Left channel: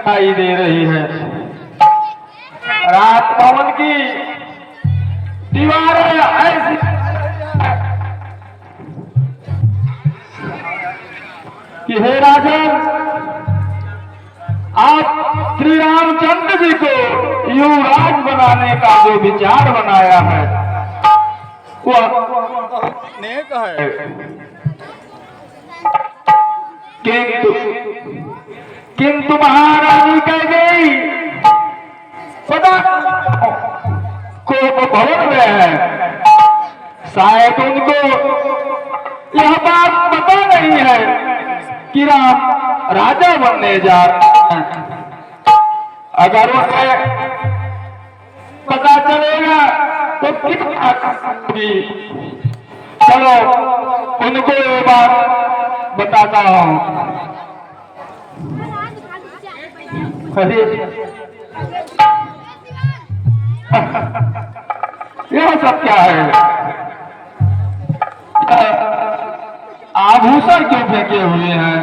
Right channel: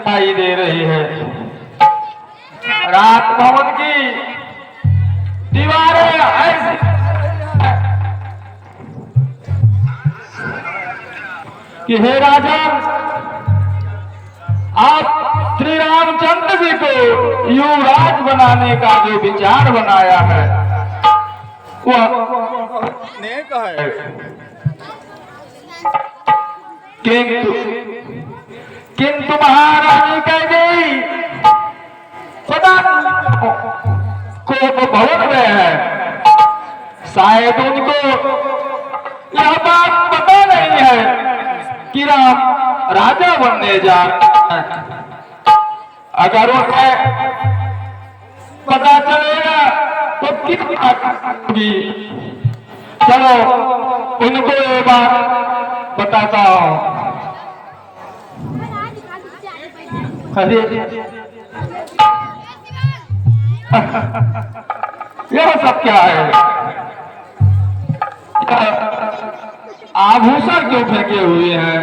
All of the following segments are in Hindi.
दिखाई दे रही है। राजभवन की दीवारें ऐसी कि हे राजन, आप श्री रामचंद्र जी को युवराज बनाने का जो विचार बनाया है वो नेक है, किंतु महारानी कह गई पता को भवन में है, शायद उनको यह बात पता नहीं है कि राम राजा बनने जा रहे हैं। अगर उन्हें पता चलेगा तो किस बात होगी। चलो उनको ये बात बताता हूँ। यह सब क्या है? आभूषण क्यों फेंके हुए हैं?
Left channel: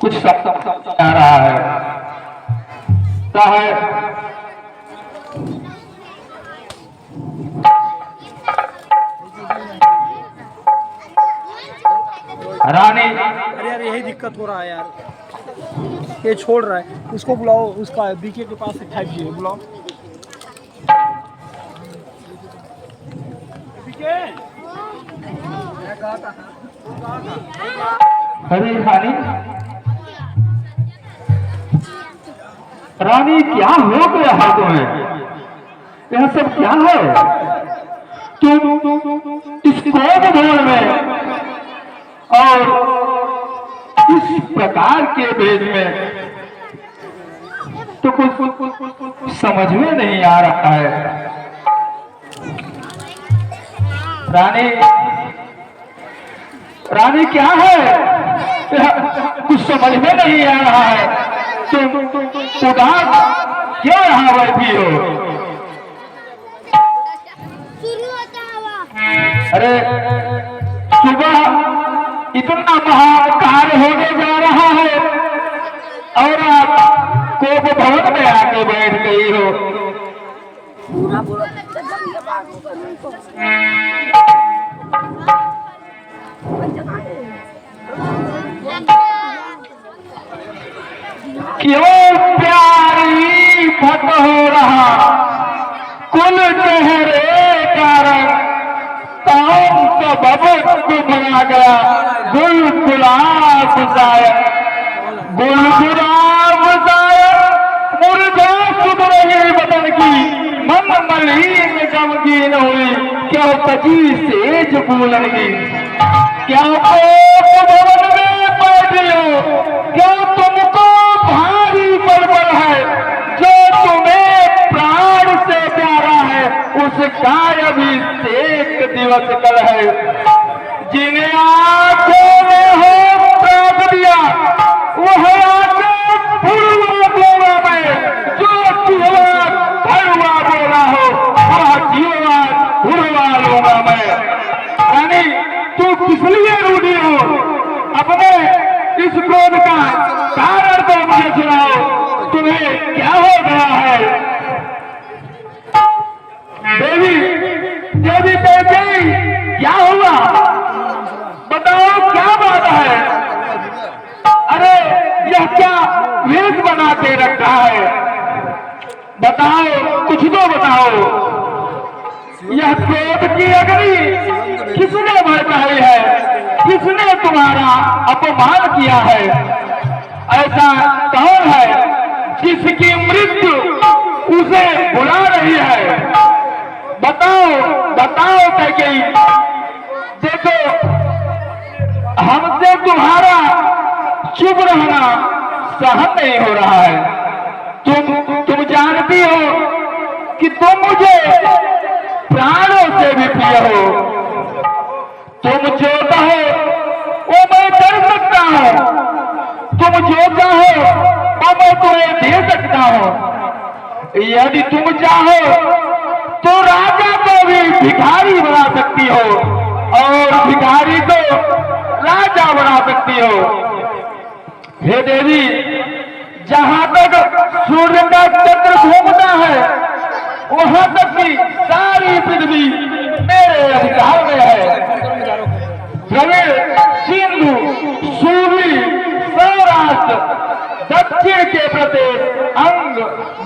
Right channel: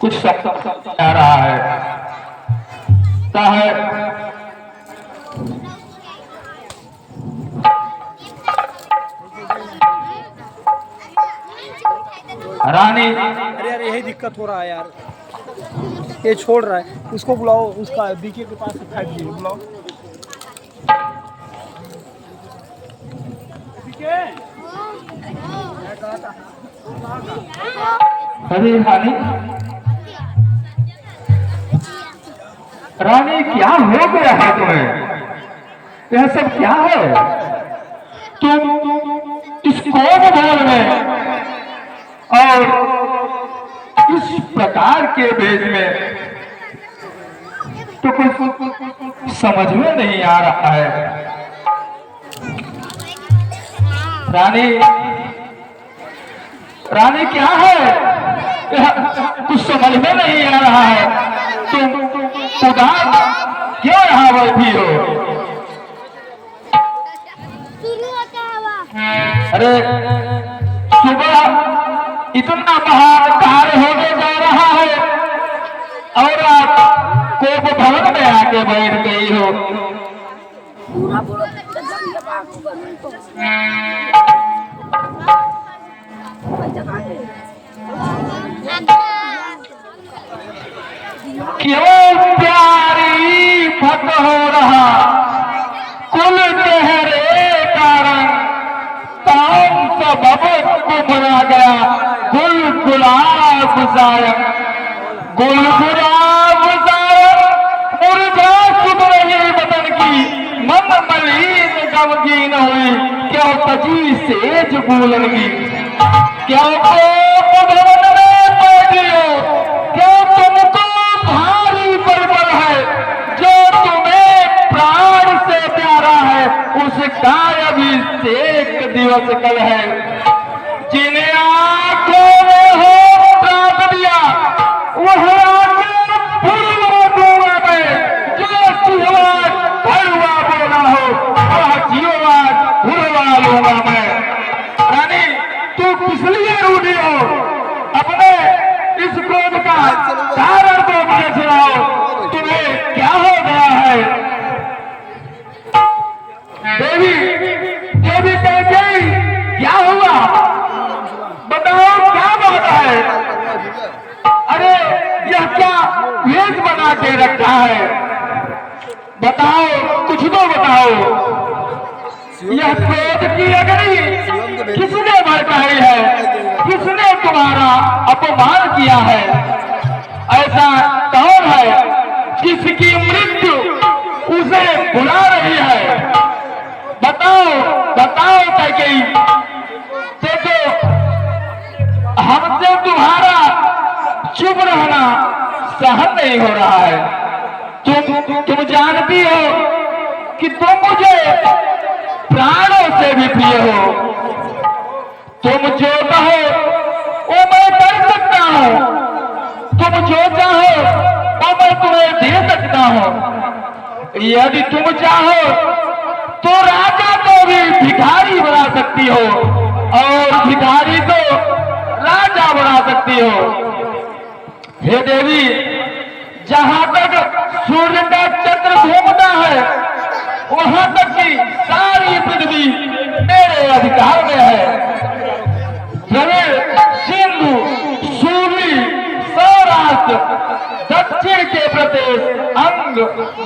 कुछ सब आ रहा है। क्या है? रानी, अरे यार यही दिक्कत हो रहा है यार, ये छोड़ रहा है। उसको बुलाओ, उसका बीके के पास से 5G बुलाओ। अरे रानी, रानी क्या हो गया है तुम्हें? यह सब क्या है? तुम इस कोप भवन में और इस प्रकार के भेज में तो कुछ समझ में नहीं आ रहा है। रानी, रानी क्या है? कुछ समझ में नहीं आ रहा है। तुम उदास क्यों यहाँ बैठी हो? अरे सुबह इतना महान कार्य होने जा रहा है और आप कोप भवन में आके बैठ गई हो। पूरा क्यों प्यारी फट हो रहा कुल चेहरे कारण, काम तो बबत को बना गया गुल गुलाब सायक, गुल गुलाब सायक मुरझा सुध रही बदन की, मन मलिन गमगीन हुई क्यों कजी सेज बोलन की। क्या कोप भवन में बैठी हो? क्या तुमको भारी बलबल है? जो तुम्हें प्राण से प्यारा है उसका अभिषेक दिवस कल है। जिन्हें आंखों में हो ताक दिया वह आके फुलवा दूंगा मैं, जो चुहवाद भरवा देना हो वह जीवाद भुलवा लूंगा मैं। रानी, तू किस लिए रूठी हो? अपने इस क्रोध का कारण तो मुझे सुनाओ। तुम्हें क्या हो गया है? देवी, देवी देवी, क्या हुआ? बताओ क्या बात है? अरे यह क्या वेश बना के रखा है? बताओ, कुछ तो बताओ। यह क्रोध की अग्नि किसने भड़काई है? किसने तुम्हारा अपमान किया है? ऐसा कौन है जिसकी मृत्यु उसे बुला रही है? बताओ, बताओ कैकेयी। देखो, हमसे तुम्हारा चुप रहना सहन नहीं हो रहा है। तुम जानती हो कि तुम मुझे प्राणों से भी प्रिय हो। तुम जो कहो वो मैं कर सकता हूँ, तुम जो चाहो वो मैं तुम्हें दे सकता हूँ। यदि तुम चाहो तो राजा को भी भिखारी बना सकती हो और भिखारी को राजा बना सकती हो। हे देवी, जहां तक सूर्य का चक्र घूमता है वहां तक की सारी पृथ्वी मेरे अधिकार में है। द्रविड़, सिंधु, सूर्य, सौराष्ट्र, दक्षिण के प्रदेश, अंग,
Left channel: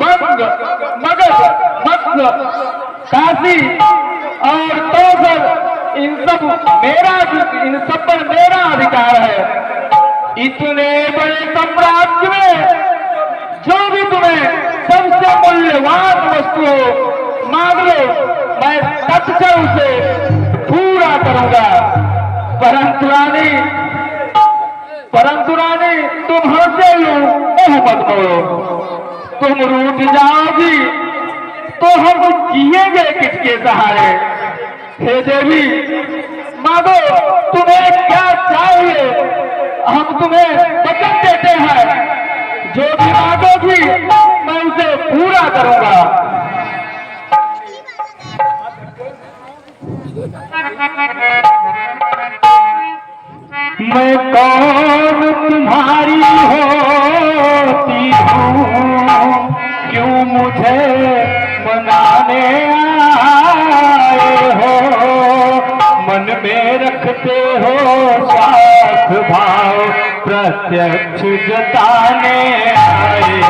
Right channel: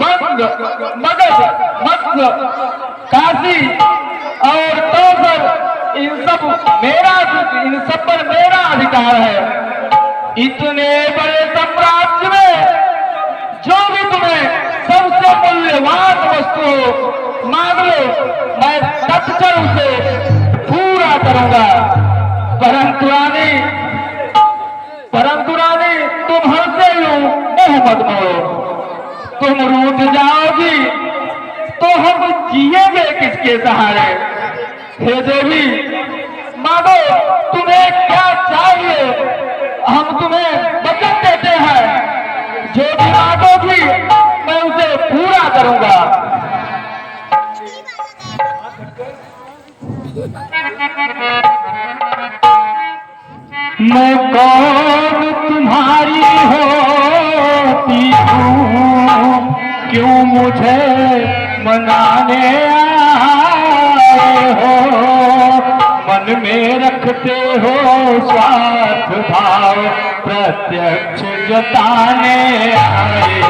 बंग, मगध, मत्स्य, काशी और तोसर, इन सब पर मेरा अधिकार है। इतने बड़े साम्राज्य में जो भी तुम्हें सबसे मूल्यवान वस्तु हो मांग लो, मैं तत्क्षण उसे पूरा करूंगा। परंतु रानी तुम हमसे यूं मोह मत मोड़ो। तुम रूठ जाओगी तो हम जिएंगे किसके सहारे। हे देवी, मांगो तुम्हें क्या चाहिए, हम तुम्हें वचन देते हैं। जो भी मांगोगी मैं उसे पूरा करूंगा। मैं कौन तुम्हारी होती हूँ, क्यों मुझे मनाने आए हो। मन में रखते हो स्वार्थ भाव, प्रत्यक्ष जताने आए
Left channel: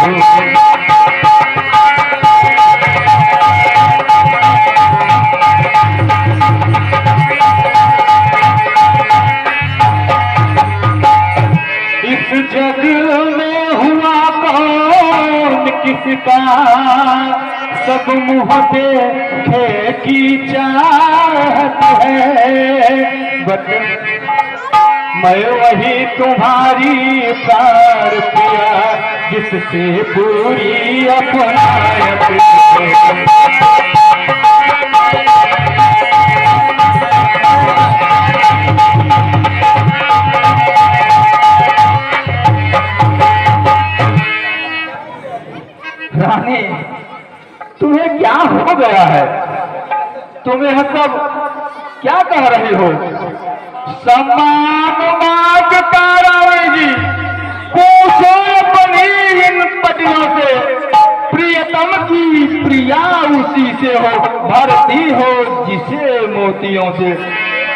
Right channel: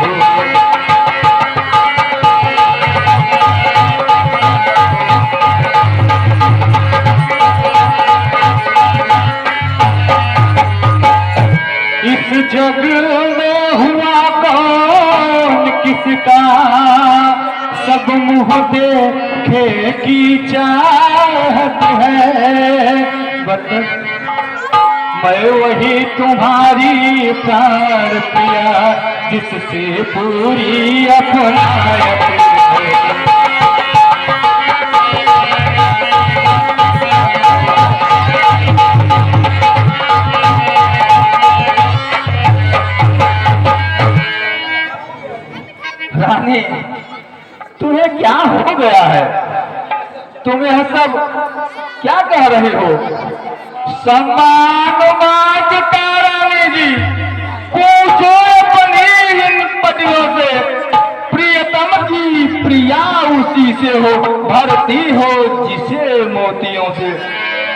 हो। इस जग में हुआ कौन किसका, सब मुँह देखे की चाहत है। मैं वही तुम्हारी प्यार पिया, जिससे पूरी अपनायत है। रानी, तुम्हें क्या हो गया है? तुम यह सब क्या कह रहे हो? सम्मान मांगता रानी जी, पूछो अपनी इन पटियों से। प्रियतम की प्रिया उसी से हो, भरती हो जिसे मोतियों से।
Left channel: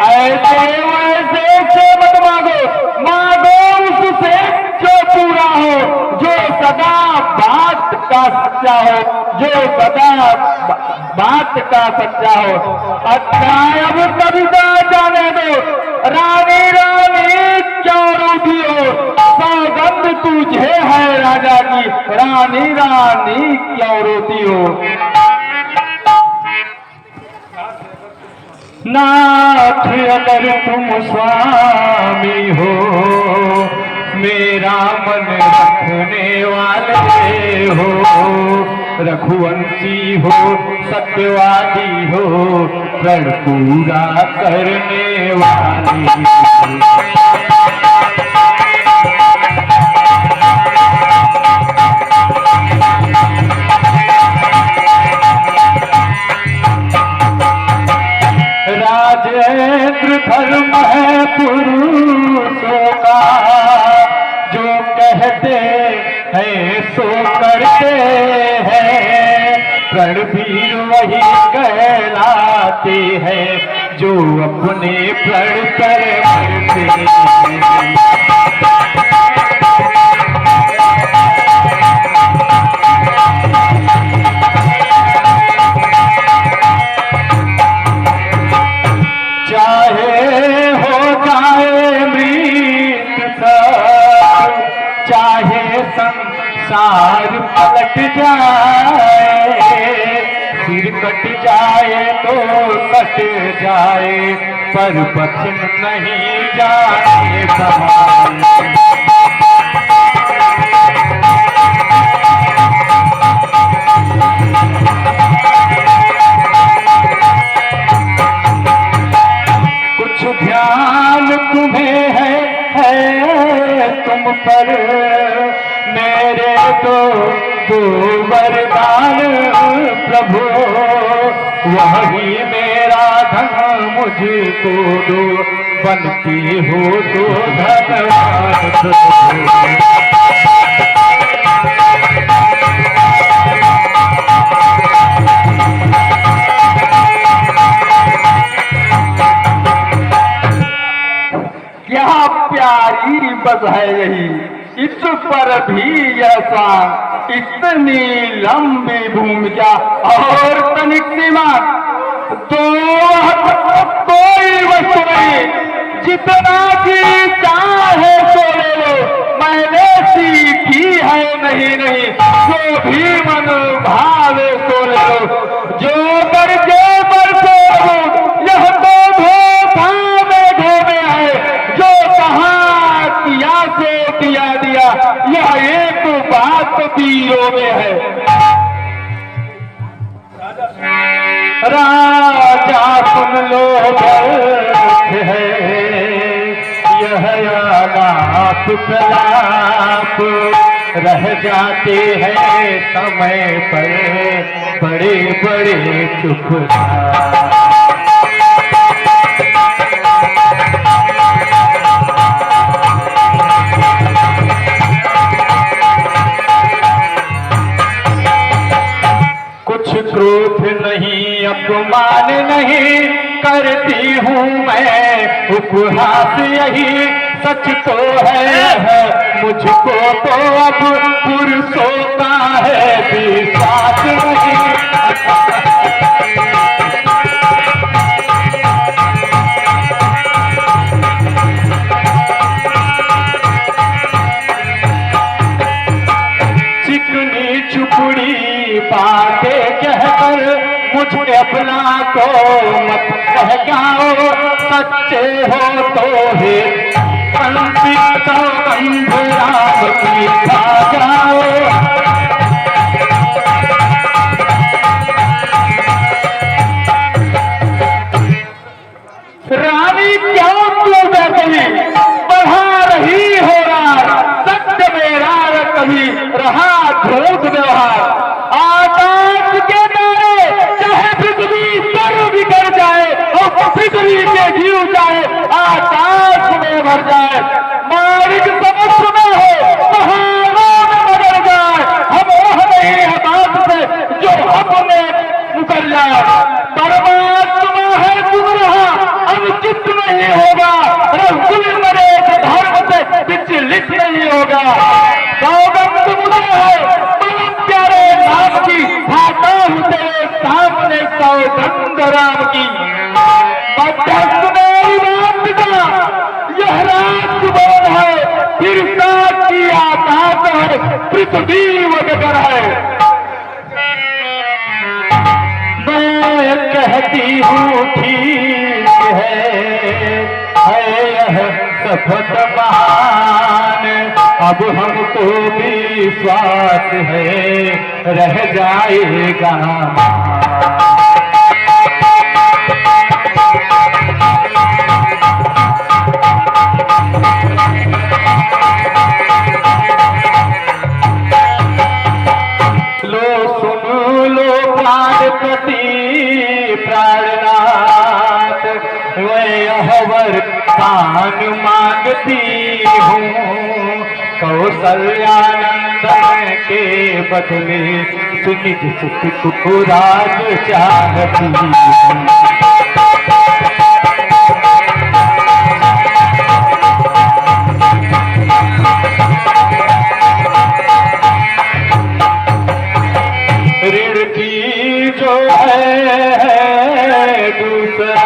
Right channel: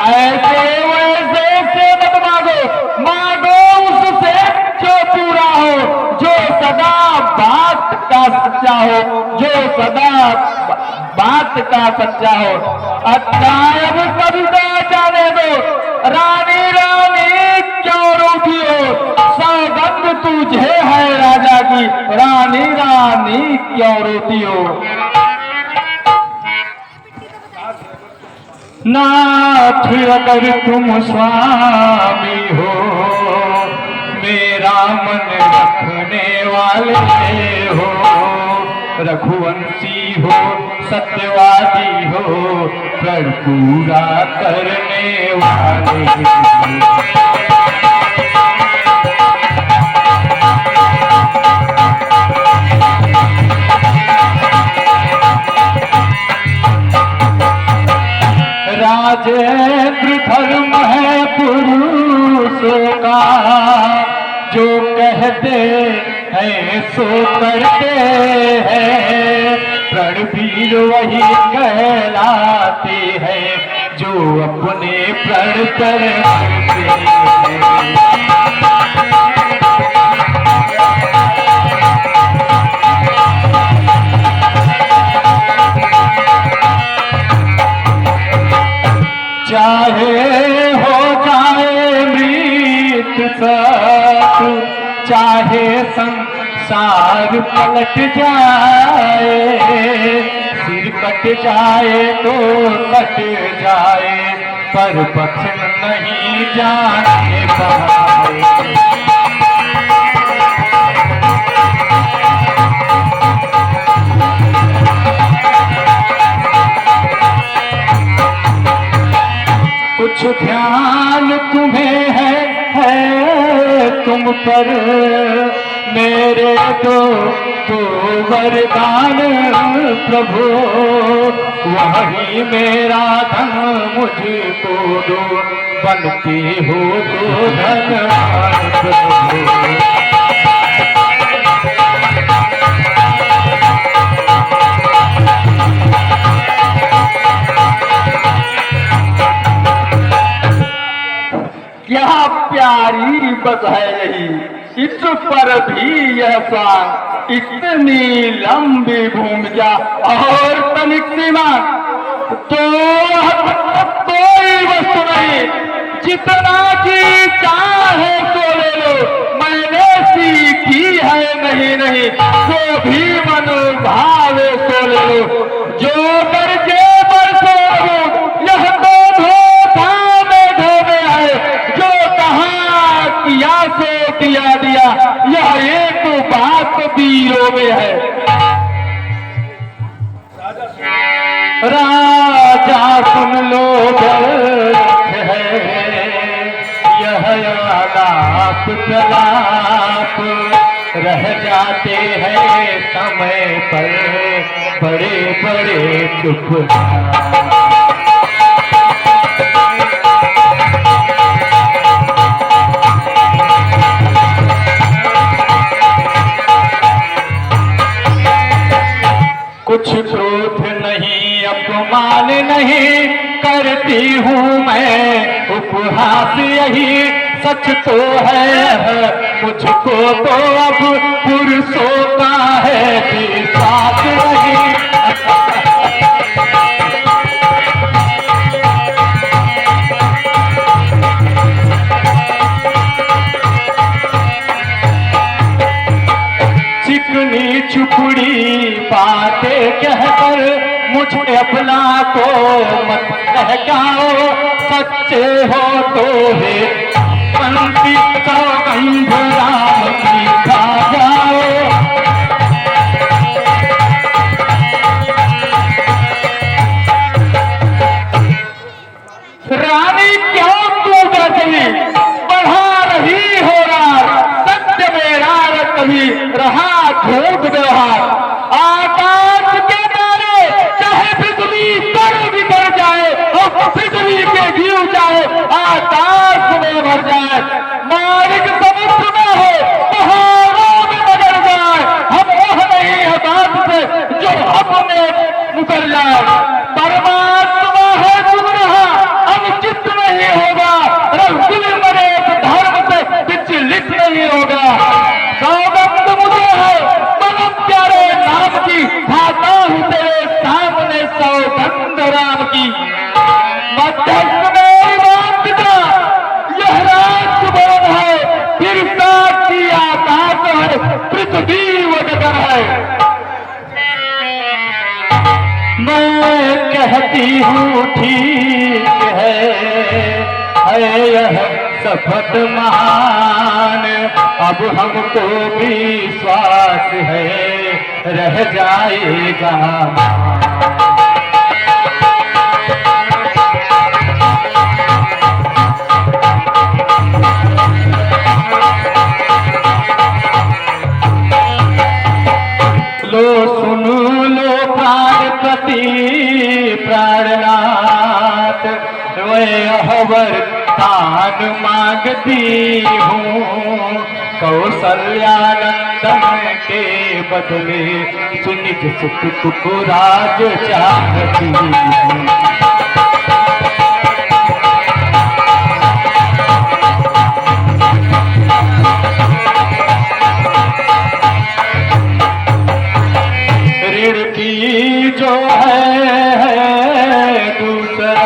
ऐसे वैसे से मत मांगो, मांगो उससे जो पूरा हो, जो सदा बात का सच्चा हो, जो सदा बात का सच्चा हो। अच्छा अब कविता जाने दो, रानी रानी क्यों रोती हो। सौगंध तुझे है राजा की, रानी रानी क्यों रोती हो। नाथ अगर तुम स्वामी हो, मेरा मन रखने वाले हो। रघुवंशी हो, सत्यवादी हो, प्रण पूरा करने वाले हो। राजेंद्र धर्म है पुरुषों का, जो कहते हैं सो करते हैं। रणवीर वही कहलाते हैं, जो अपने प्रण पर करते हैं। चाहे हो जाए मृत्यु सत, चाहे संसार पलट जाए। सिर कट जाए तो कट जाए, पर बचन नहीं जाए पाए। कुछ ध्यान तुम्हें है तुम पर, मेरे दो वरदान प्रभु। वही मेरा धन मुझको दो, बनते हो तो धनवान प्रभु। इस पर भी यह स्वान, इतनी लंबी भूमिका और तनिक सीमा, तो कोई वस्तु नहीं, जितना की चाहे सो ले लो, मैंने सीखी है नहीं नहीं, जो भी मनोभाव सो ले लो, जो करके बरसो यह तो धोखा में धोने आए, जो कहा किया से किया दिया, यह एक बात पीरों में है। राजा सुन लो दर्द है, यह आलाप प्रलाप रह जाते हैं समय पर बड़े बड़े चुपचाप। कुछ क्रोध नहीं, अपमान नहीं करती हूँ मैं, उपहास यही सच तो है, मुझको तो अब पुरुषों का है विश्वास नहीं। चिकनी चुपड़ी बातें कहकर मुझे अपना को मत कहकाओ, सच्चे हो तो हे पंक्ति सौगंध राम की खा जाओ। रानी क्यों तू बैठी बढ़ा रही हो रहा, सत्य मेरा कभी रहा धूप व्यवहार, आकाश के तारे चाहे पृथ्वी तर बिगड़ जाए और पृथ्वी के जीव जाए, आकाश में भर जाए, मालिक समुद्र में हो पहाड़ों में मगर जाए, हम ओह नहीं है बात से जो हमने मुकर जाए। परमात्मा है सुन रहा, अनुचित नहीं होगा, रघुकुल मरे धर्म से विचलित नहीं होगा। सौगंध मुझे है परम प्यारे नाम की, खाता हूँ तेरे सामने सौगंध राम की। मध्यस्थ मेरी बात का यह राजभवन है, फिर साक्षी आकाश है, पृथ्वी वगैरह है। मैं कहती हूँ ठीक है यह शपथ महान, अब हमको विश्वास है रह जाएगा। लो सुन लो प्राणपति प्राणनाथ, हवर कान मांगती हूँ, कौशल्यानंदन के बदले सुनिज सुख को राज चाहती हूँ। ऋण की जो है दूसरा,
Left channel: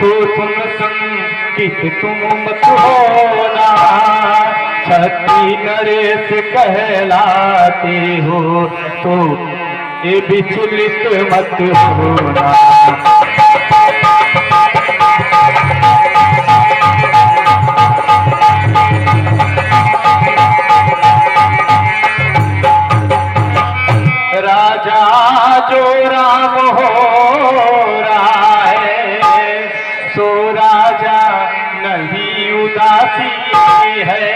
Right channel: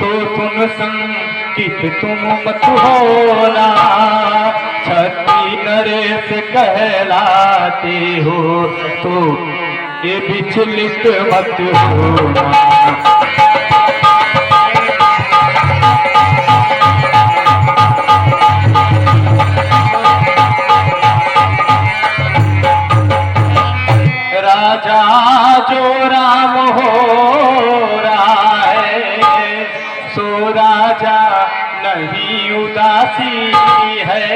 तो तुम संकित तुम मत होना, छठी नरेश कहलाते हो तो ये विचलित मत होना। नहीं उदासी है,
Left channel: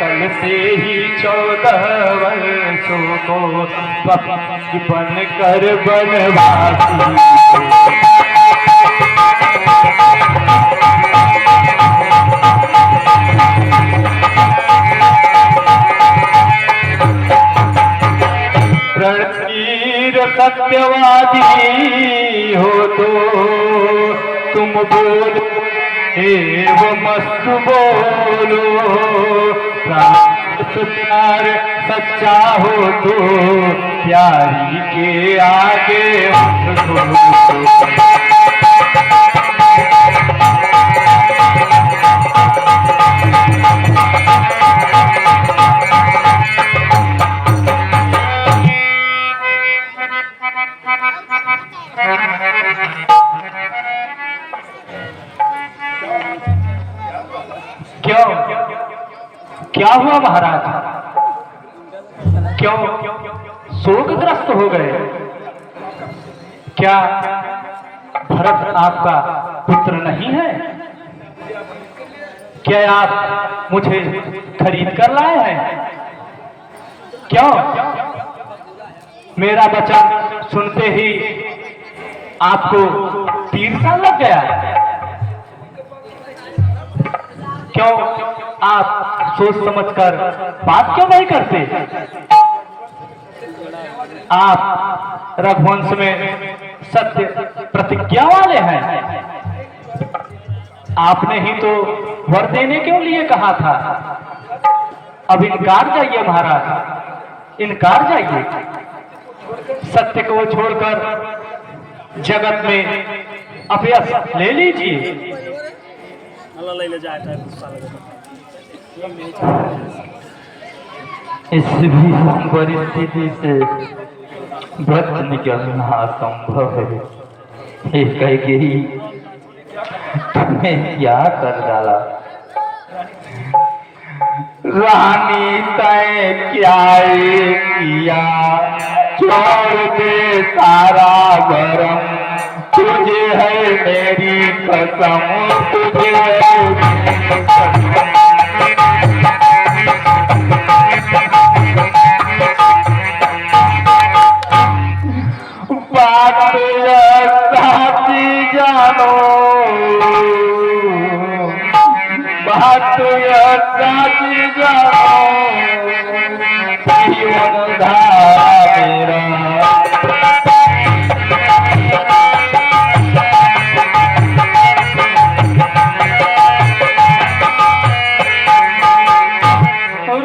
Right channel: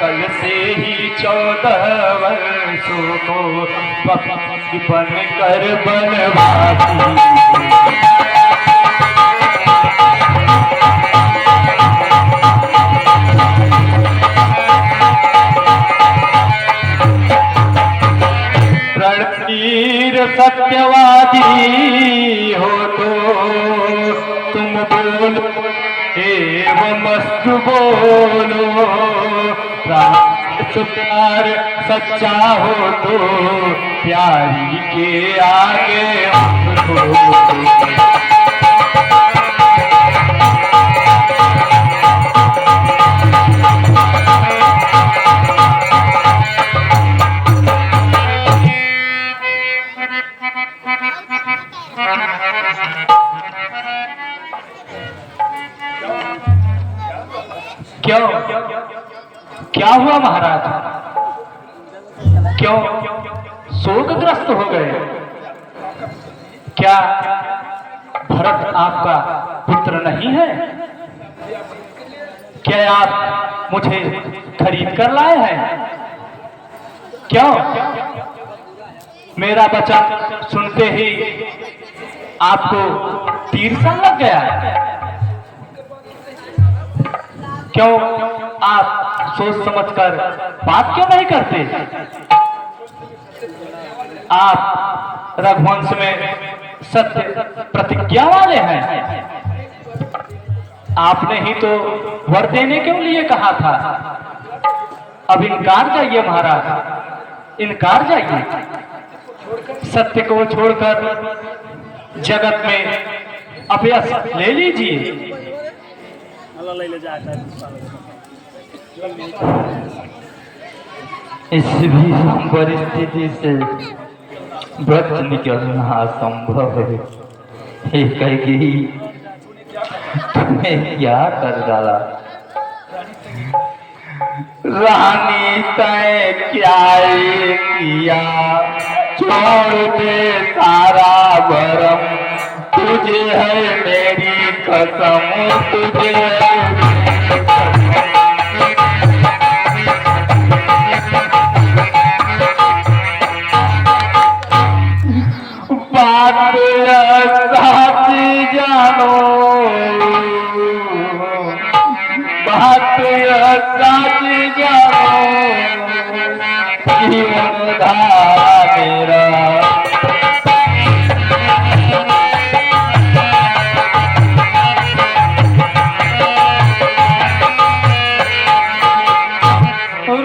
कल से ही 14 वर्षों को बन कर बनवासी। रणवीर सत्यवादी हो तो तुम बोलो एवं मस्त बोलो, तो प्यार सच्चा हो तो प्यारी के आगे क्यों क्या हुआ महाराज? क्यों शोकग्रस्त हो गए? क्या भरत आपका पुत्र नहीं है? क्या आप मुझे खरीद कर लाए हैं? क्यों मेरा वचन सुनते ही आपको तीर सा लग गया? क्यों आप सोच समझकर बात क्यों नहीं करते? आप रघुवंश में सत्य प्रतिज्ञा वाले हैं। आपने ही तो वर देने क्यों लिए कहा था? अब इनकार जाइए महाराज, इनकार जाइए। सत्य को छोड़कर जगत में अभ्यस ले लीजिए। इस विषम परिस्थिति से बच निकलना असंभव है। कही तुम्हें क्या कर डाला? रानी तय क्या किया, छोड़ दे सारा भरम, तुझे है मेरी कसम, तुझे है मेरी कसम। बात साची जानो, बात साची जानो, जीवन धारा मेरा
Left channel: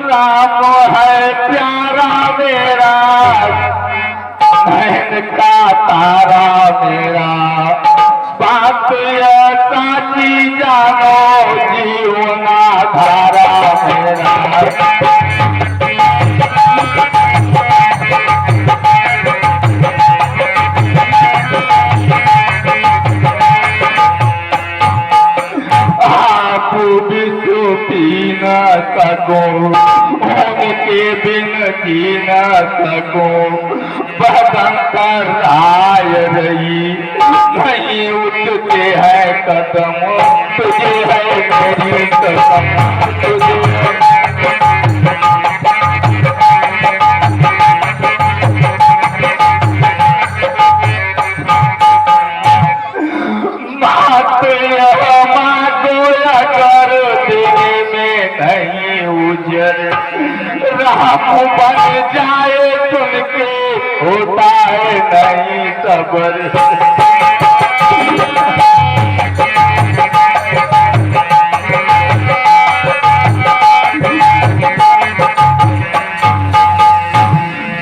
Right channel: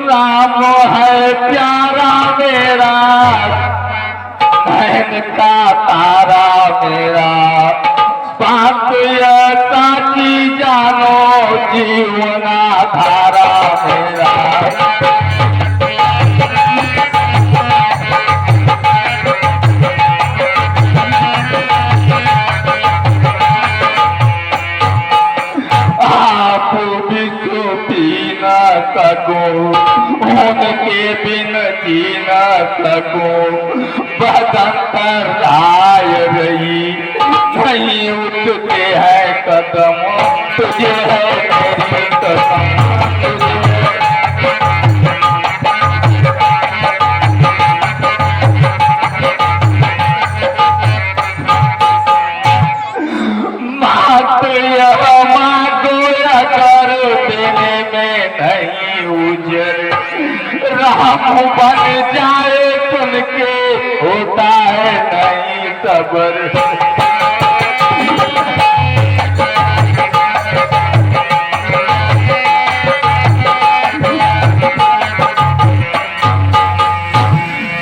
राम है प्यारा मेरा, बहन का तारा मेरा, बात साची जानो, जीवना धारा मेरा। आप भी पी न सको, उनके बिन जी न सको, बदन पर आय रही, नहीं उठते है कदम, तुझे है मेरी कसम, तुझे कर देने में नहीं उजर, राम बन जाए सुन के होता है नहीं सबर।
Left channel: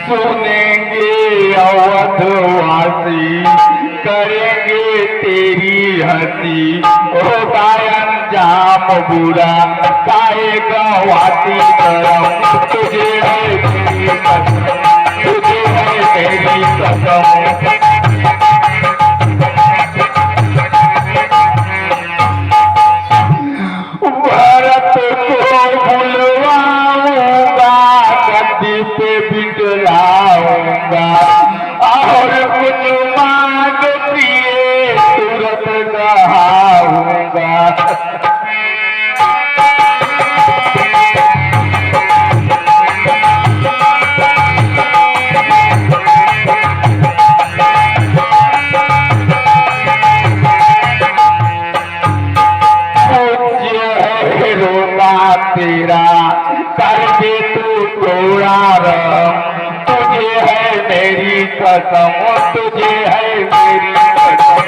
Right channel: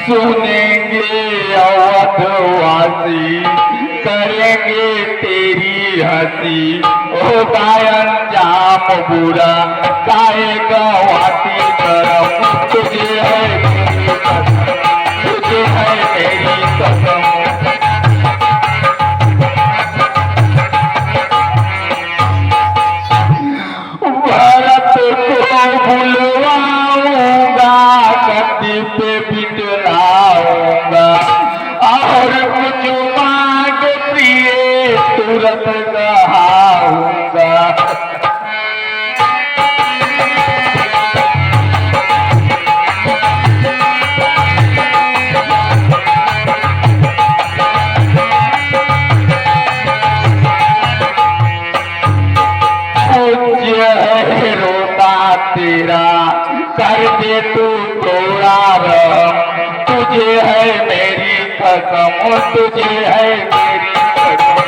सुनेंगे अवधवासी, करेंगे तेरी हंसी, होता अंजाम बुरा, काहे गवाती करम, तुझे है मेरी कसम, तुझे है मेरी कसम। भरत को बुलवाऊंगा, गद्दी पे बिठलाऊंगा, और कुछ मांग पिए तुरंत कहाऊंगा। पूज्य है रोता तेरा, कर दे तू थोड़ा रह, तुझे है मेरी कसम, तुझे है मेरी कसम।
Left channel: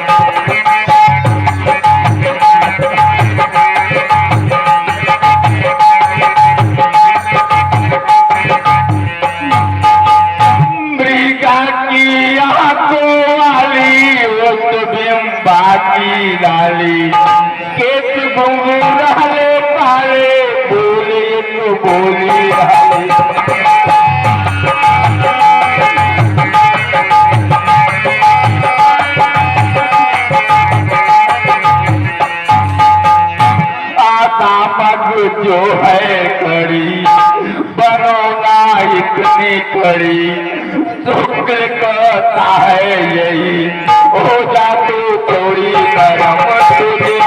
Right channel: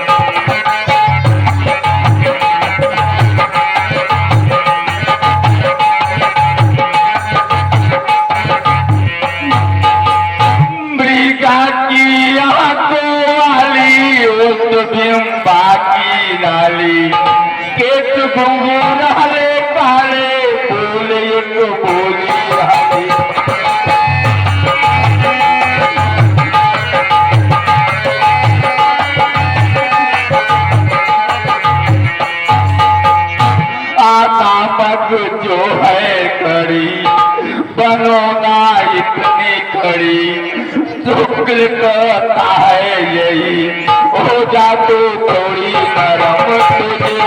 आता पग जो है कड़ी बनोना इतनी कड़ी शुक्र कहता है यही हो जाते थोड़ी नरम तुझे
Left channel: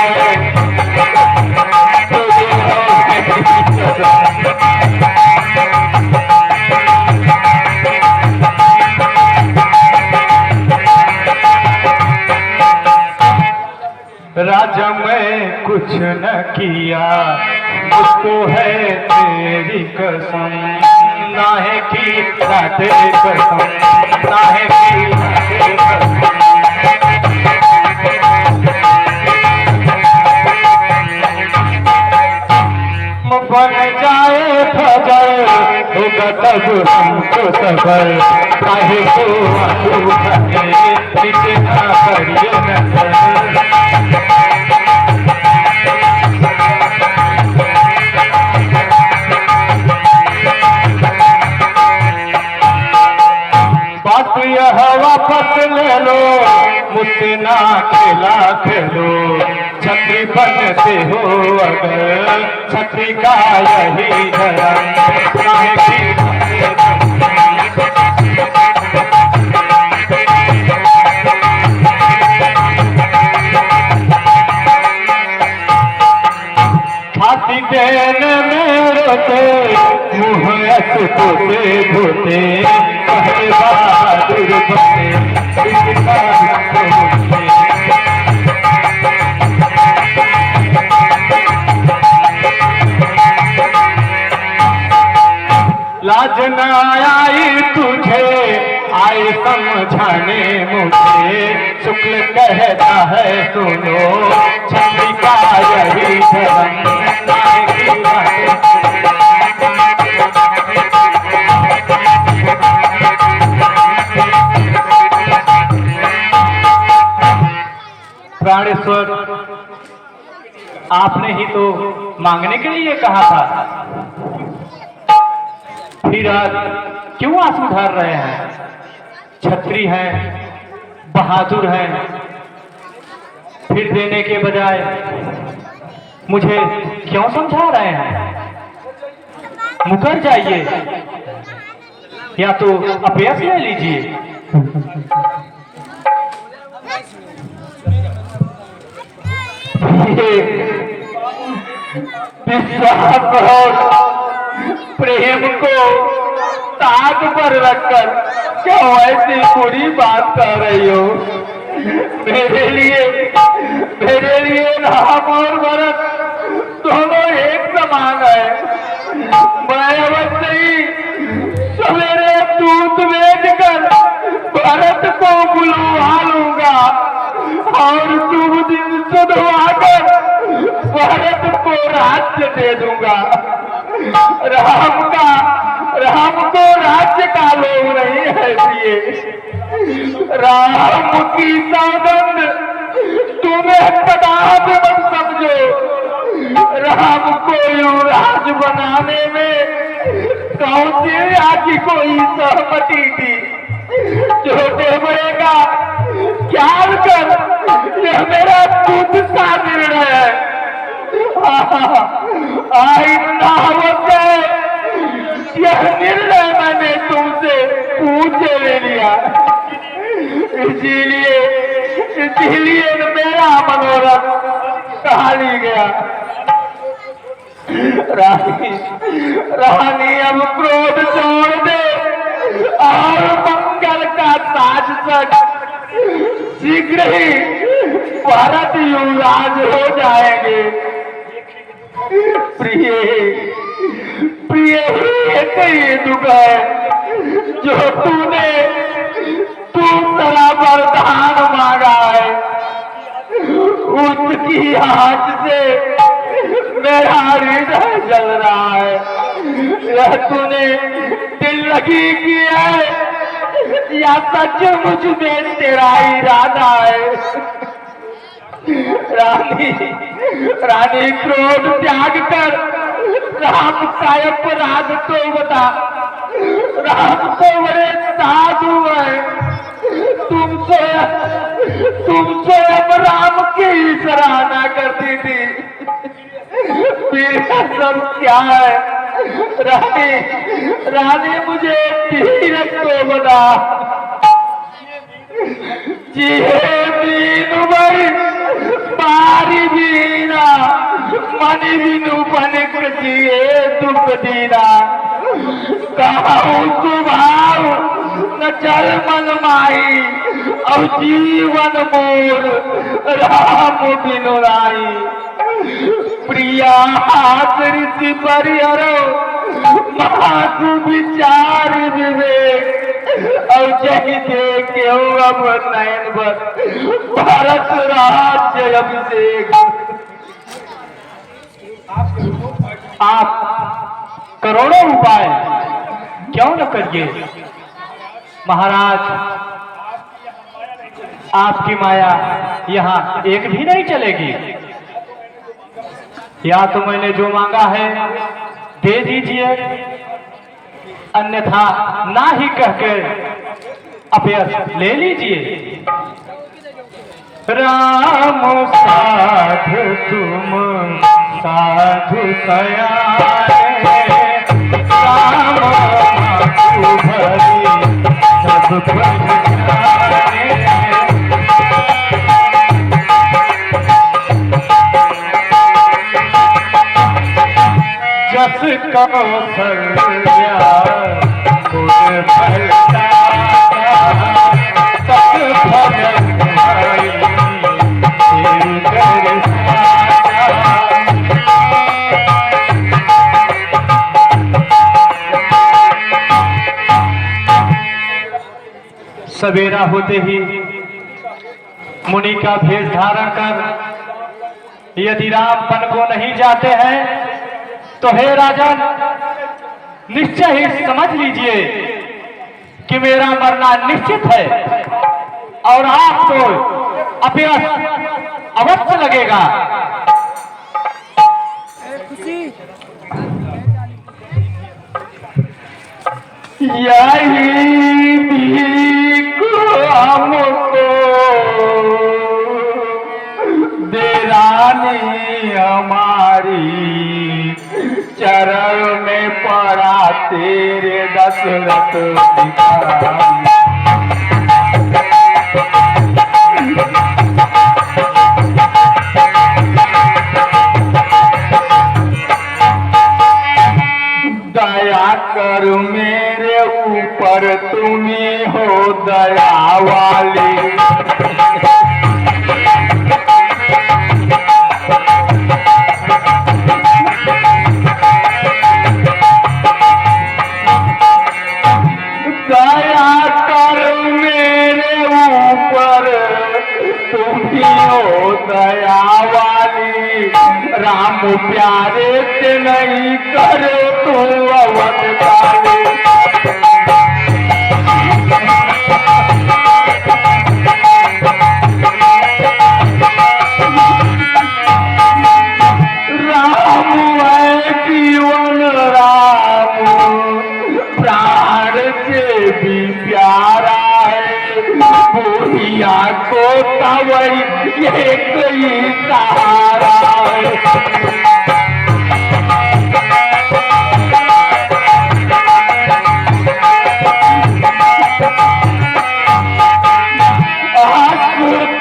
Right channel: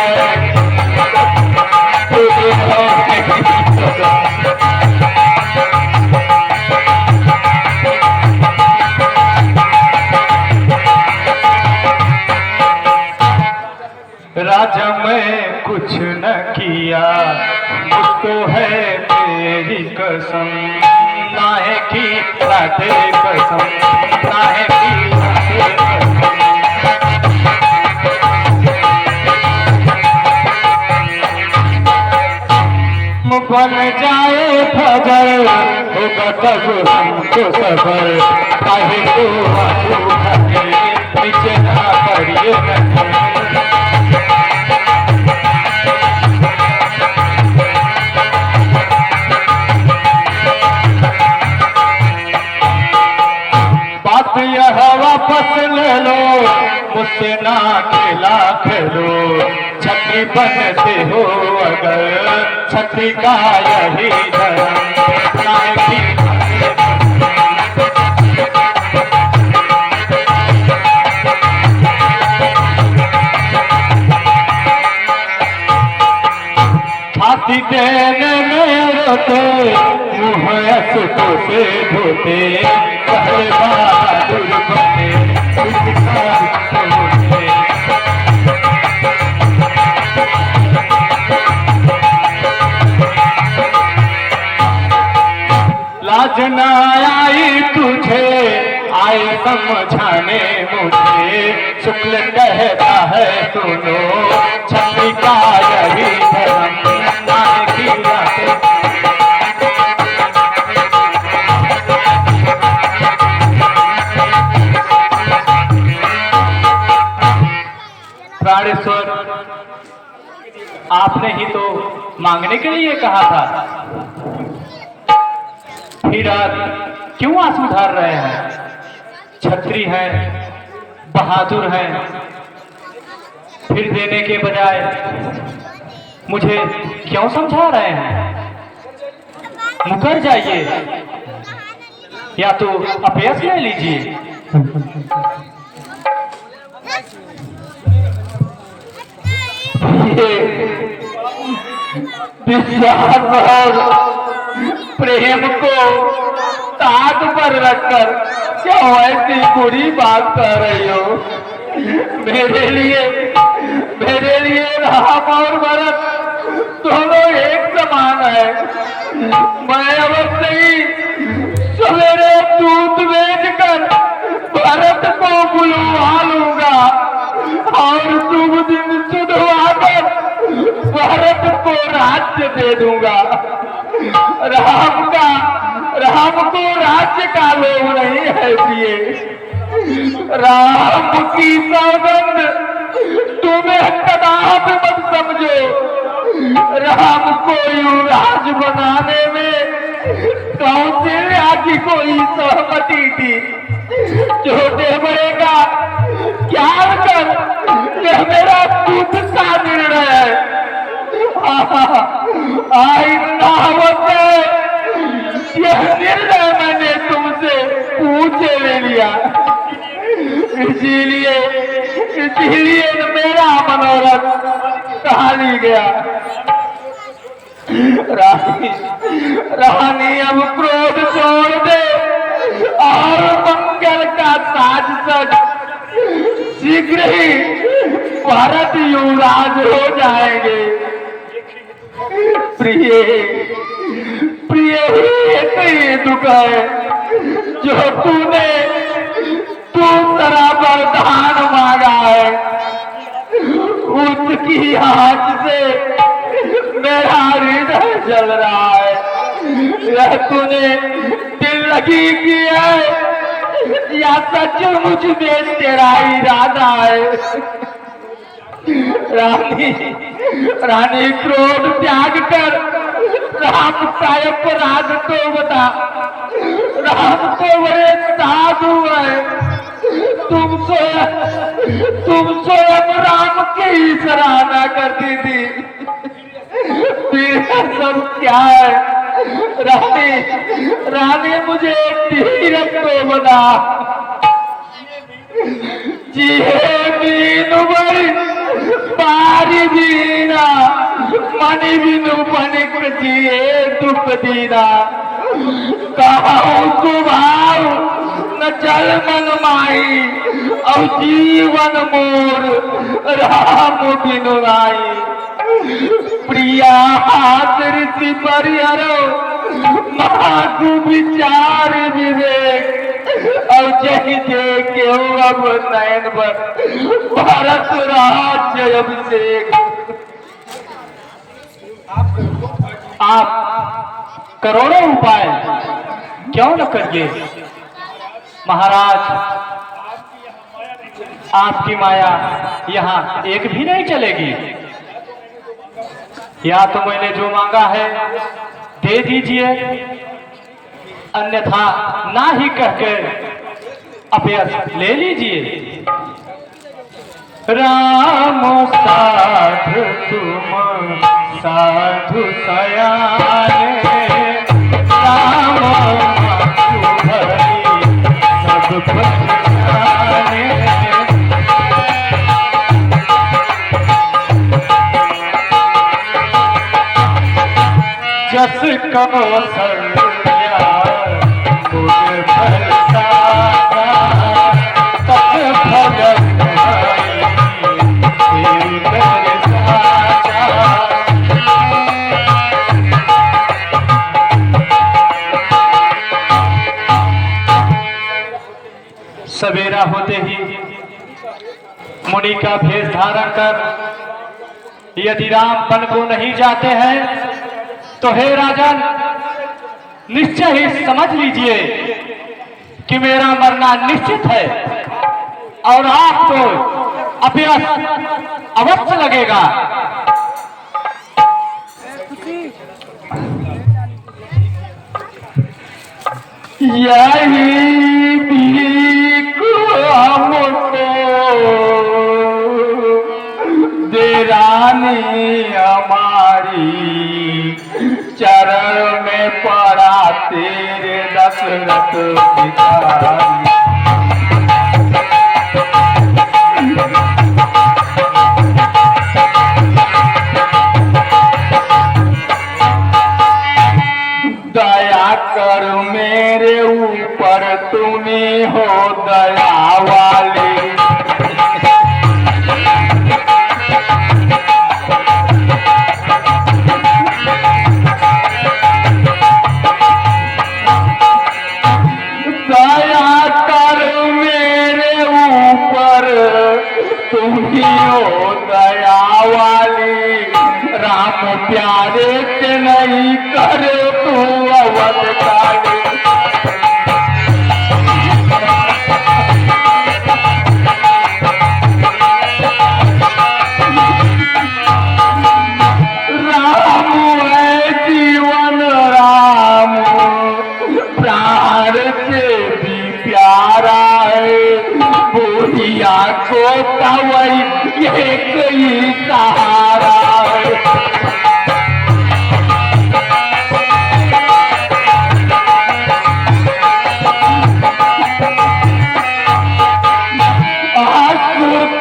राजा मैं कुछ न किया मुझको है तेरी कसम नाहे की राधे कसम नाहे की राधे कसम बन जाए फजर होगा तब हमको सबर काहे को आंसू खड़े पीछे ना करिए नजर यह वापस ले लो मुझसे ना खेला खेलो छतरी बनते हो अगर छतरी का यही धर्म छाती देने मेरे पे मुँह ऐसे से धोते पहले बहादुर बने फिर बहादुर होते लाज न आई तुझे आए समझाने मुझे शुक्ल कहता है सुनो छतरी का यही धर्म प्राणेश्वर आपने ही तो मांगने के लिए कहा था फिर आज क्यों आंसू धार रहे हैं छतरी है बहादुर है फिर देने के बजाय मुझे क्यों समझा रहे हैं मुकर जाइए या तो अपयस ले लीजिए विश्वास और प्रेम को ताक पर रखकर क्यों ऐसी बुरी बात कर रही हो मेरे लिए राम और भरत दोनों एक समान है मैं अवश्य ही सवेरे दूध बेचकर भरत को बुलवा लूंगा और शुभ दिन सुधवाकर भरत को राज्य दे दूंगा राम को राज्य का लोभ नहीं है इसलिए राम की सौगंध तुम्हें कदापि मत समझो राम को युवराज बनाने में कौशल्या की कोई सहमति थी छोटे बड़े का ज्ञान कर यह मेरा खुद का निर्णय है यह निर्णय मैंने तुमसे पूछे ले लिया इसीलिए मेरा मनोरथ टहली गया रानी अब क्रोध छोड़ दे और मंगल का ताज सज शीघ्र ही भरत युवराज हो जाएंगे प्रिय ही दुख है जो तू तेरा वरदान मांगा है उसकी आंच से मेरा हृदय जल रहा है यह तूने दिल लगी की है या सचमुच में तेरा इरादा है रानी क्रोध त्याग कर राम का अपराध तो बता। राम तो बड़े साधु है। तुम स्वयं राम की सराहना करती थी। मेरा सब क्या है? रानी मुझे धीरज तो बता। जिए बीनु बरी बारी बीना मनि बिनु बनिक जिए दुख दीना। कहूँ सुभाव न चल मन माई अब जीवन मोर राम बिनु राई। प्रिया ऋषि परिहरो महाकु विचार विवेक और जही देखे अब नयन पर भारत राज्य अभिषेक। आप करोड़ों उपाय क्यों न करिए महाराज। आपकी माया यहाँ एक भी नहीं चलेगी। या तो मैंने जो मांगा है दे दीजिए, अन्यथा ना ही कहकर अपयश ले लीजिए। राम साधु तुम साधु सयाने, राम माधु भरी सब पहचाने। जस कौशल्या मुझ भरता तस भजन भाई तेरे घर साचा। सवेरा होते ही मुनि का भेष धारण कर यदि राम वन को नहीं जाते हैं तो हे राजन निश्चय ही समझ लीजिए कि मेरा मरना निश्चित है और आपको अपयश अवश्य लगेगा। यही भीख हमको दे रानी हमारी, चरण में पड़ा तेरे दशरथ भिखारी। दया कर मेरे ऊपर, तुम्ही हो दया वाली। दया कर मेरे ऊपर, तुम्ही हो दया वाली। राम प्यारे से नहीं करे तू अवध काले। राम है जीवन राम, प्राण से भी प्यारा है। बुढ़िया को कवई एक ही सहारा है।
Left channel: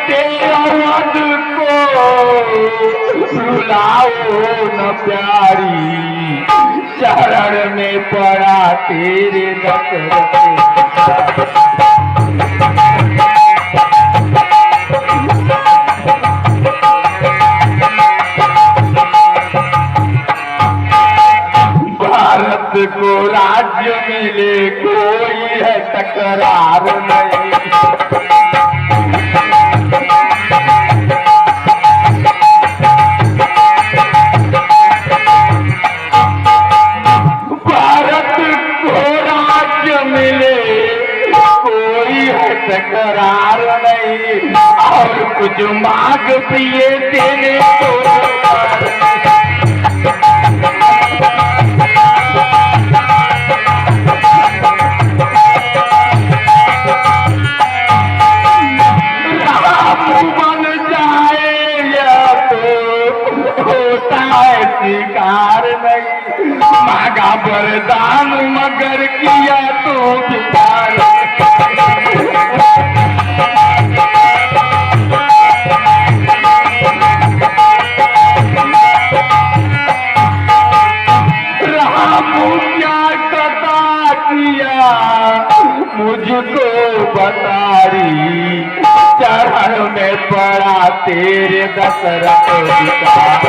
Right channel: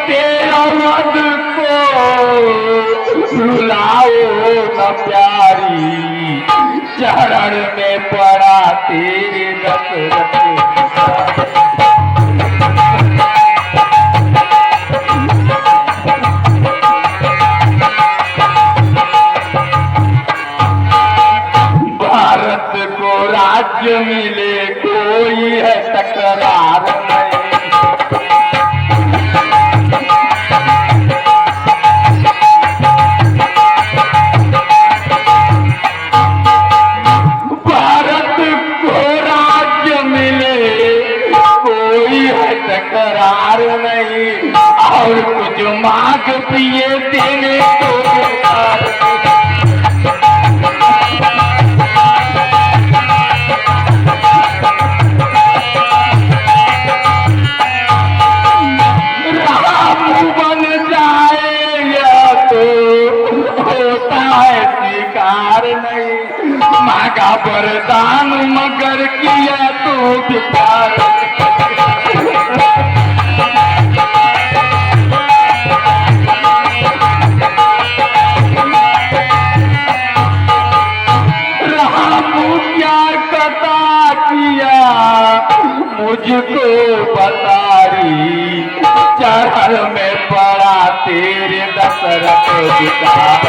तेवद को रुलाओ न प्यारी, चरण में पड़ा तेरे दशरथ। भारत को राज्य मिले कोई है तकरार नहीं। करार नहीं और कुछ मांग पिए देने को मगर किया तो विचार। राम क्या कथा किया मुझको बतारी, चरण में पड़ा तेरे दशरथ विचार।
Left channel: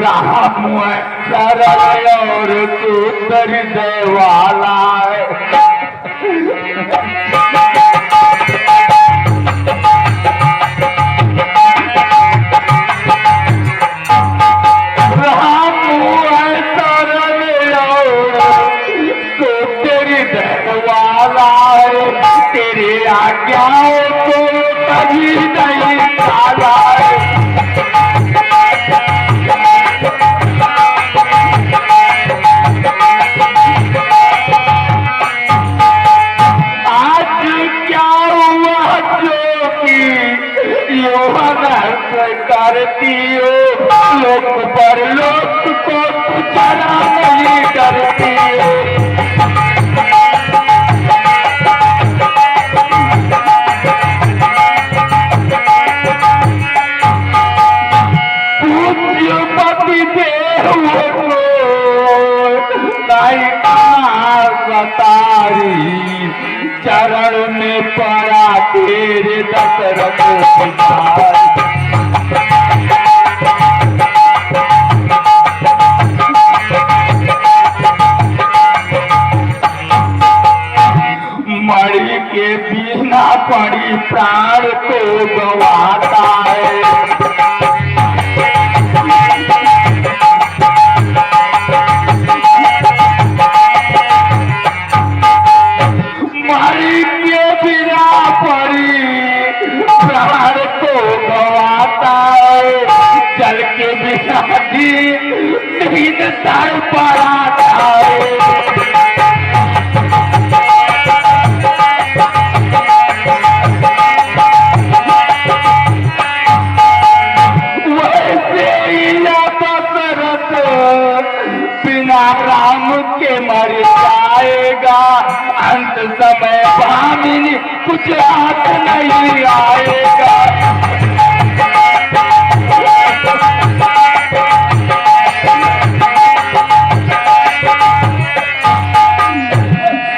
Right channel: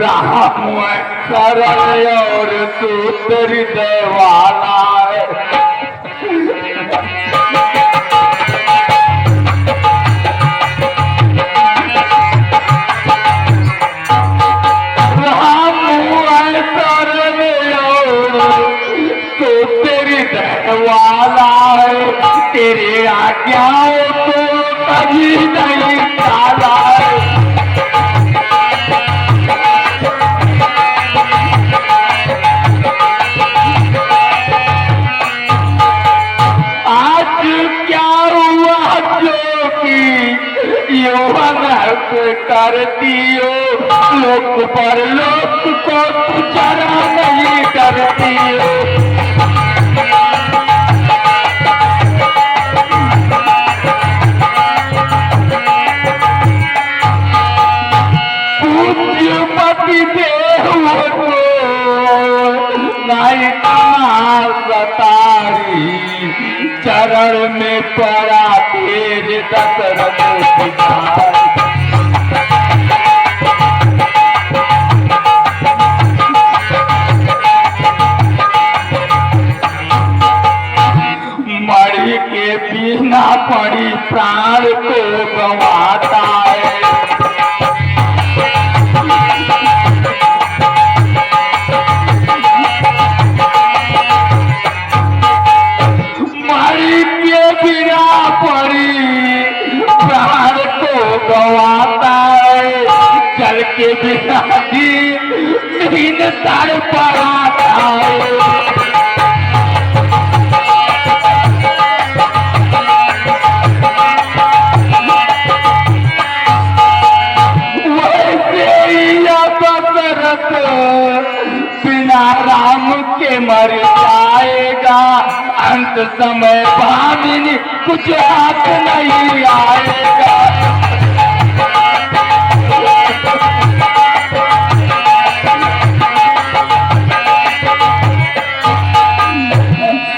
राम शरण और सूत्र देवाला है। राम शरण और सूत्र देवाला है, तेरे आज्ञाओं को कभी नहीं टाला है। करती हो लोक पर लोक को जरा नहीं करती हो। पूज्य पति देव को नहीं सतारी, चरण में पड़ा तेरे दशरथ विचार। मणि के बिना पड़ी प्राण को गवाता है। मणि के बिना पड़ी प्राण को गवाता है, जल के बिना नींद तड़ पड़ाता है। बिना राम के मर जाएगा, अंत समय भामिनी कुछ हाथ नहीं आएगा।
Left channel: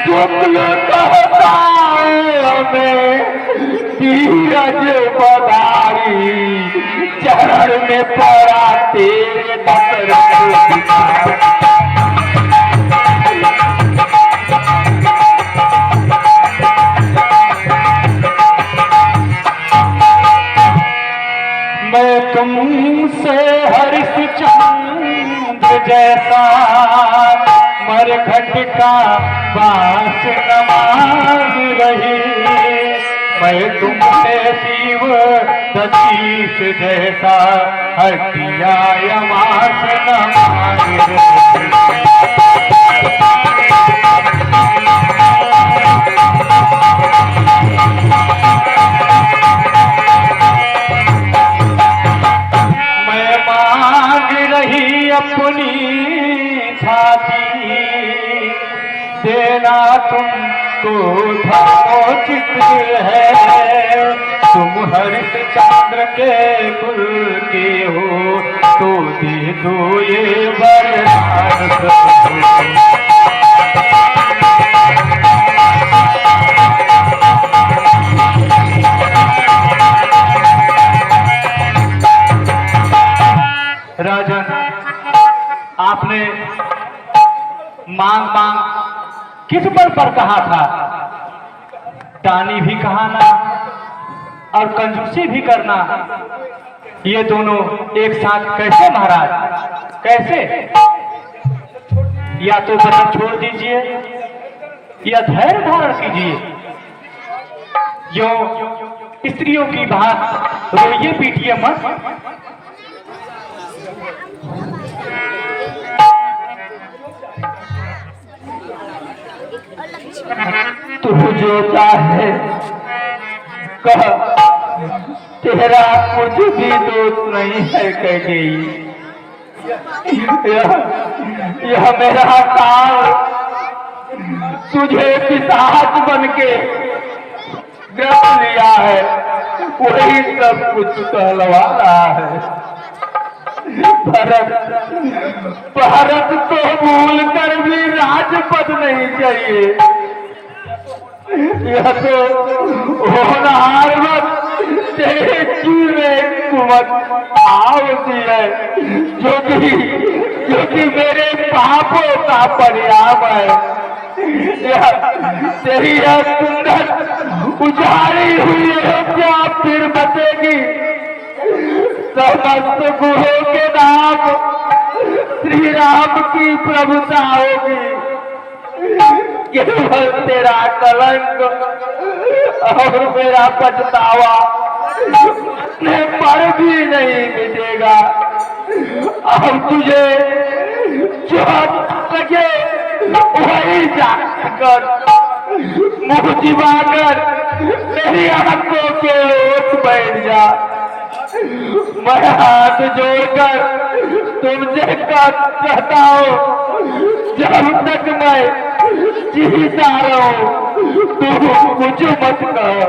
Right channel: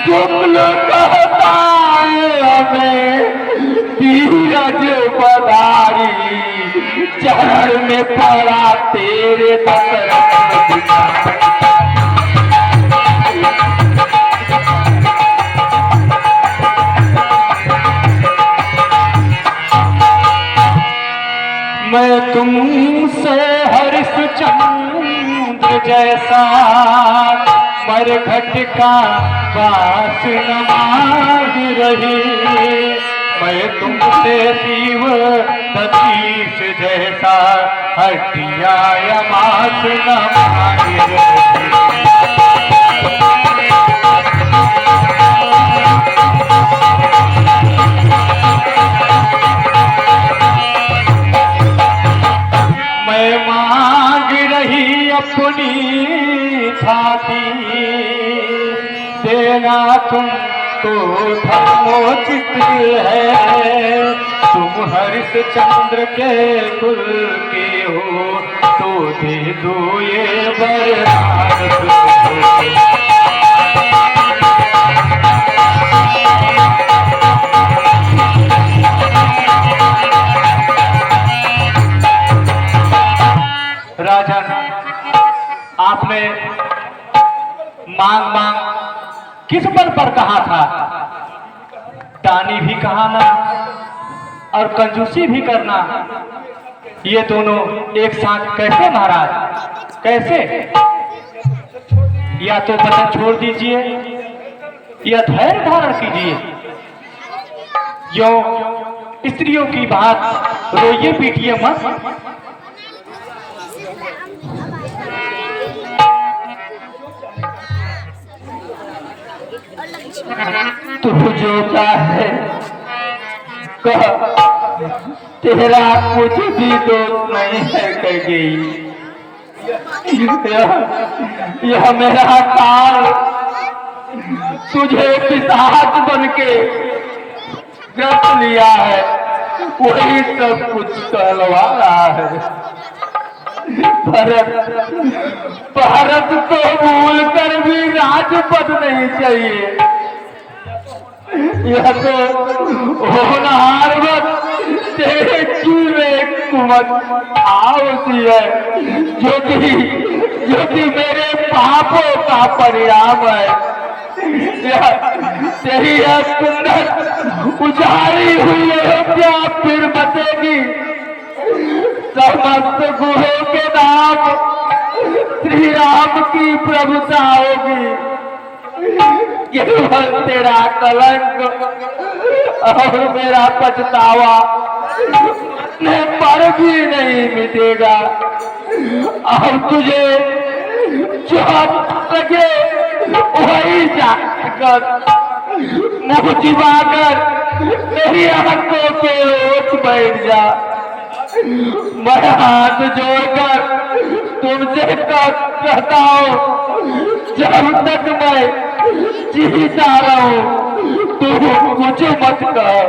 शुक्ल कहता है हमें धीरज बधारी, चरण में पड़ा तेरे दशरथ विचार। मैं तुमसे हरिश्चंद्र जैसा मरघट का बास न मांग रही, मैं तुमसे शिव दशीष जैसा हटिया यमास न मांग रही। मांग रही अपनी छाती, देना तुम तो धर्मोचित है। तुम हरिश्चंद्र के कुल के हो तो दे दो ये वरदान। राजन, आपने मांग मांग किस बल पर कहा था? दानी भी कहाना और कंजूसी भी करना, ये दोनों एक साथ कैसे महाराज, कैसे? या तो वचन छोड़ दीजिए या धैर्य धारण कीजिए। जो स्त्रियों की बात रोइए पीटिए मत। तू जो चाहे कह, तेरा कुछ भी दोष नहीं है कैकेयी। यह मेरा काल तुझे पिशाच बन के ग्रस लिया है, वही सब कुछ कहलवा रहा है। भरत तो भूल कर भी राजपद नहीं चाहिए, यह तो होनहार वक्त तेरे जी में कुवत आवती है, जो कि मेरे पापों का परिणाम है। तेरी यह सुंदर उजाड़ी हुई अयोध्या फिर बचेगी, समस्त गुहों के नाम श्री राम की प्रभुता होगी। केवल तेरा कलंक और मेरा पछतावा में पर भी नहीं मिटेगा। अब तुझे जो लगे वही जाकर मुँह चिबाकर मेरी आंखों के ओट बैठ जा। मैं हाथ जोड़कर तुमसे कहता हूँ, जब तक मैं जीता रहूं तुम कुछ मत कहो।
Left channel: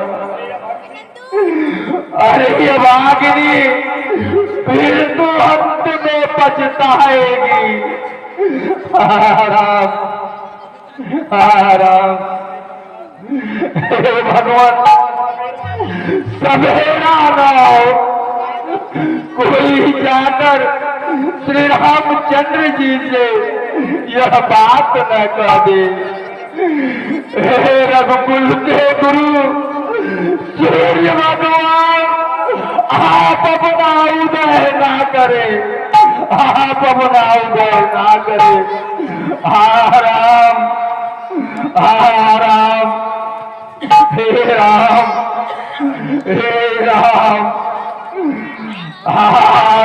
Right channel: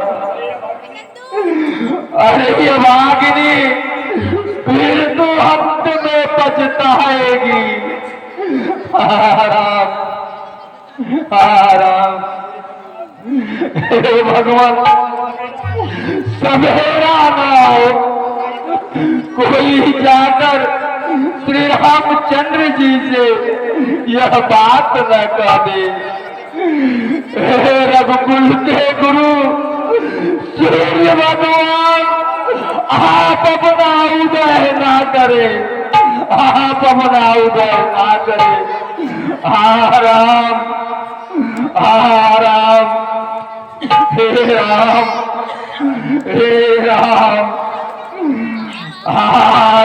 अरे ये भागिनी फिर तो अंत में पछताएगी। आराम आराम। हे भगवान, सवेरा ना हो, कोई जाकर श्री रामचंद्र जी से यह बात न कह दे। हे रघुकुल के गुरु सूर्य भगवान, आप अपना उदय ना करे, आप अपना उदय ना करे। आराम आराम। हे राम हे राम आराम।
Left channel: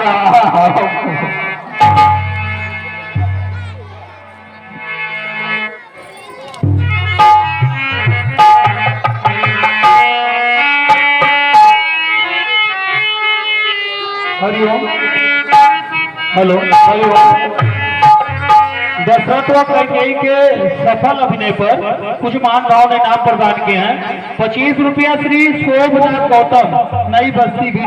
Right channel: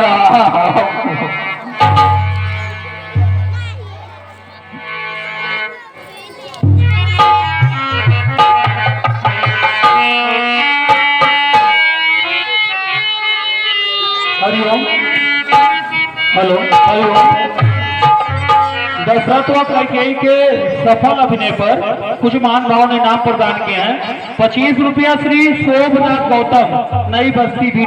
हरिओम। हेलो हरिओम। दशरथ व कैकेयी के सफल अभिनय पर कुछ मान भाव ने इनाम प्रदान किए हैं। 25 रुपया श्री शोभनाथ गौतम, नई बस्ती भी।